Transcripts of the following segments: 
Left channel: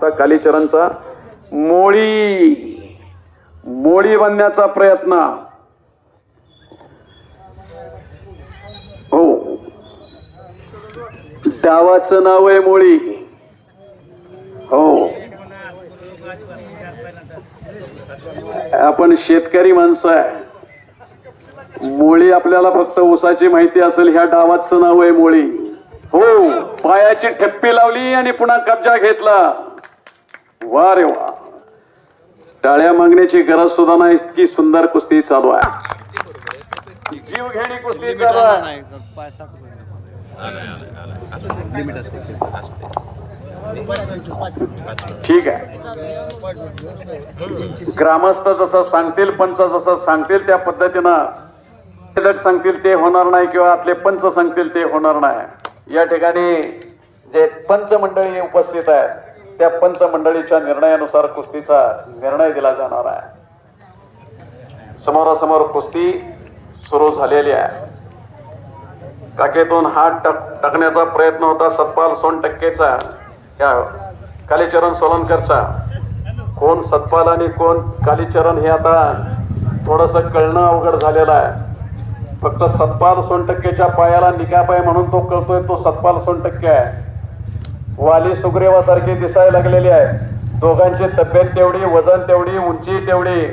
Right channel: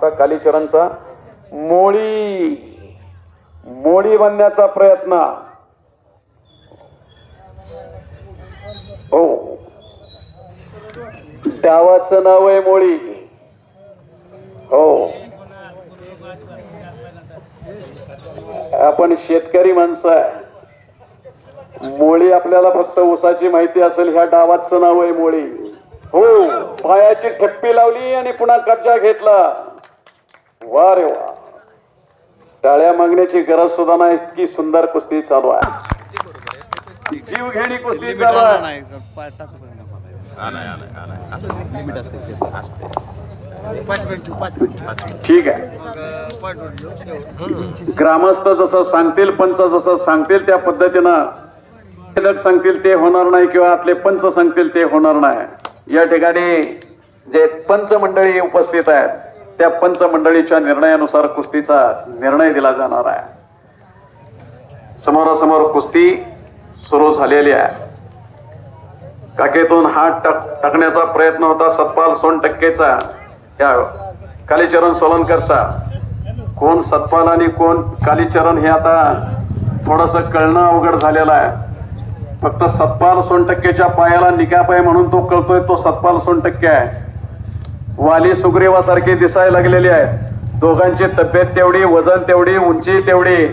होता कालीचरणचा. मोळी मोळी बनण्याचा प्रयत्न. हो. डावाचं नाव आहे मोळी. हो. आपण शेतकरी माणसं आहे. मोळी आपल्याला फक्त ऊसाची माहिती असेल ह्या डावाचं नाव आहे मोळी. हो. पायाची ठेप्पी लावली आणि पुन्हा कब्जा घेतला. वा रे वा. टाळ्या मागण्याची गरज सुद्धा नाही इतकी सुंदर कुस्ती चालू आहे. जीव घेणी कुस्ती. नाही लिमिट असते ठीक आहे. ग्रामस्थ जसं सांगतील पंच जसं सांगतील त्या पद्धतीनं सांगतील ते होणार नाही किंवा आपले पंच सांगतील ते होणार नाही. या ठिकाणी जे पंच मंडळी उपस्थित आहेत त्या पंच मंडळीच्या निर्णयानुसार कुस्तीचा निर्णय दिला जाणार आहे. समोरासमोर कुस्ती सुरू झालेली आहे. काकेतून हात टक टाकण्याचा प्रयत्न होता. सतपाल सोन टक्केचा त्या कालीचरण सोलनकरचा कोण सतपाल आणि कोण कालीचरण हे आता थोडस कळणं अवघड झालेलं आहे. फक्त सतपाल सोनटक्केच्या पायाला निकाप आहे म्हणून तो कळतोय तो सतपाल सोनटक्के आहे. वाली सुग्रीवासारखी दिसायला लागलेली आहे. दोघांची तब्येत तेवढी वजन तेवढी उंची तेवढी.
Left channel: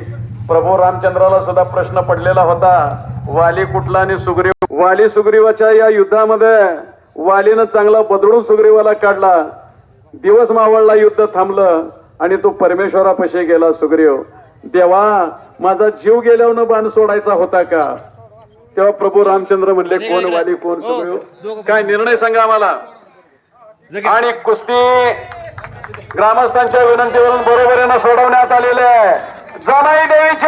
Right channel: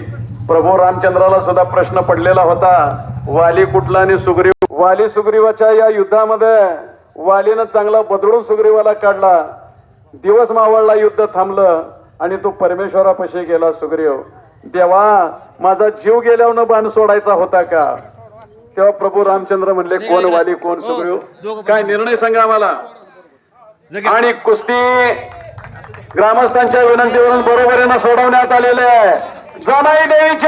प्रभू रामचंद्राला सुद्धा प्रश्न पडलेला होता. वाली कुठला आणि सुग्रीव? वाली सुग्रीवाच्या या युद्धामध्ये वालीनं चांगला बदलून सुग्रीवाला काढला. दिवस मावळला युद्ध थांबलं आणि तो परमेश्वरापाशी गेला सुग्रीव. देवा माझा जीव गेल्यावर बाण सोडायचा होता का? तेव्हा प्रभू रामचंद्र म्हणले कोण वाली कोण हो, सुग्रीव? काय निर्णय सांगा आम्हाला. आणि कुस्ती ग्रामस्थांच्या विनंतीवरून बरोबरीनं सोडवण्यात आलेले आहे. जनाई देवीच्या